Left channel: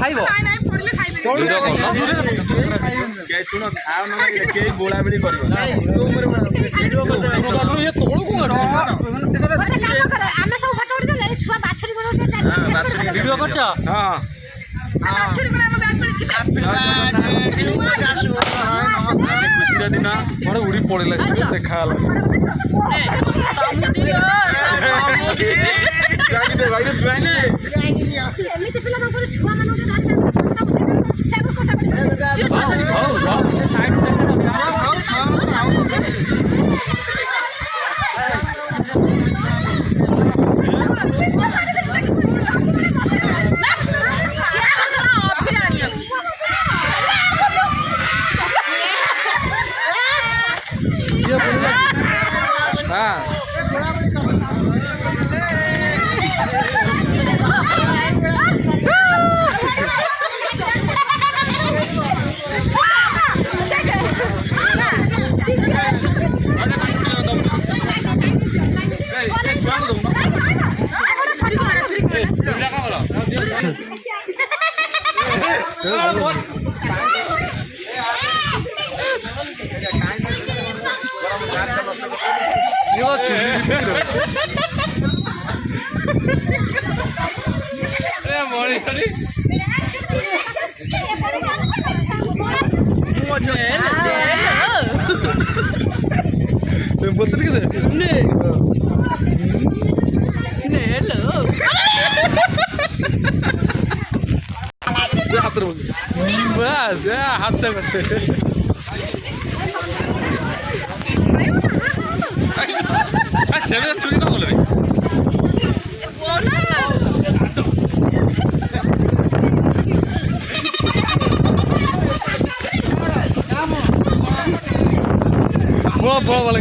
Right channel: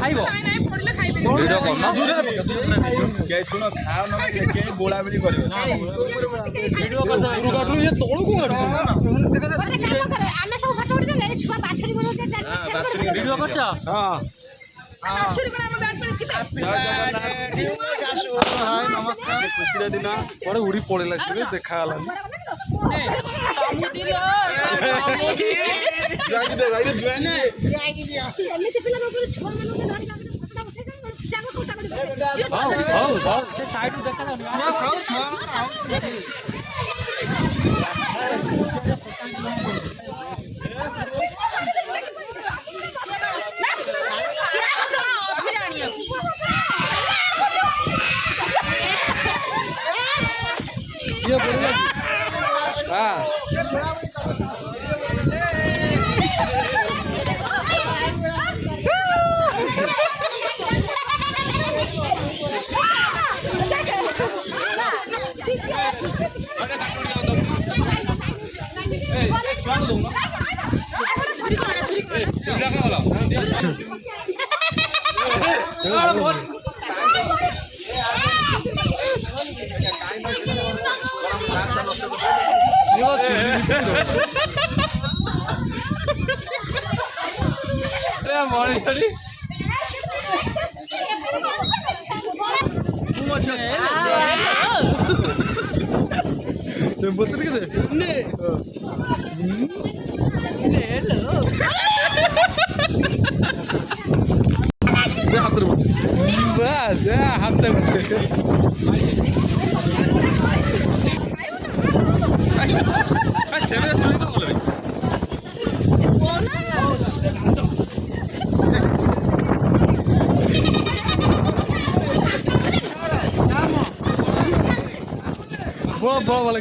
ଖାଇବ ଶୁଣ ଖାଅ ନ କେହି ବୋଳା ବୋଳି କରିବ ଖୁସିର ଦିନ ଗୋଟେ ଉଡି ପଳେଇଲା ଦେଖା ହେଲା हाथ बस हाथ से चुरी कौन बोले बड़ा बड़ा वाला